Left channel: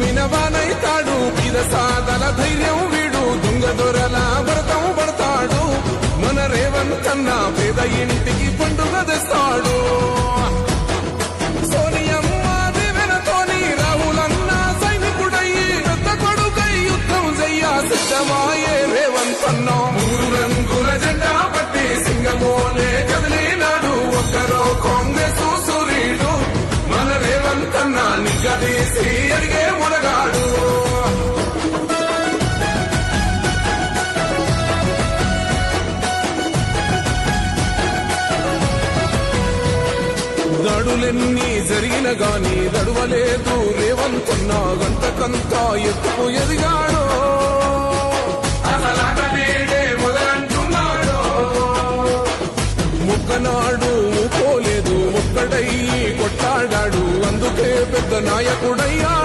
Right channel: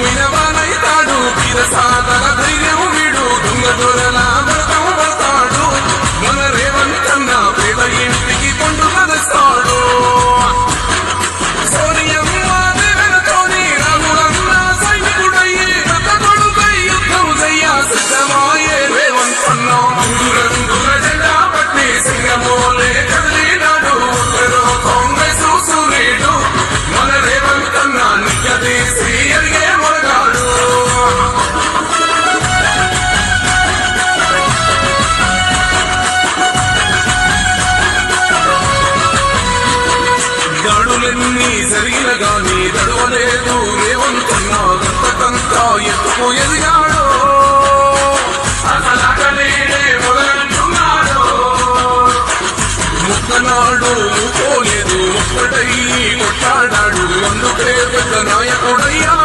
మినవానైతాడు పిరసాదల ధైర్యం వీడు దొంగ దొరల భరతం పడతాడు మన రేవంతన్న పేద ఇంటికి పండుగ తెస్తాడు సోనియమ్మ దేవనతోని రాహులన్న సైనికుడయ్యి పెద్ద కొడుకై యుద్ధం చెయ్య సిద్ధమాయే రేవంతన్న మూడు రంగుల జెండా పట్టి సింగమోలే కదిలినాడు ఒక్కరో కాంగ్రెస్ సూర్యుడు మన రేవంతన్న నిగ్గదీసి ఎదిగే మొనగాడు దాడులెన్ని జరిగిన గాని దడవలేదు రేవంతన్న గంతకంతా ఎత్తుకు ఎదిగాడో ముక్కనాడు ముక్కోలేదు ఒక్కడై కొట్లాడాడు అందుకే పెద్ద నాయకుడయ్యాడు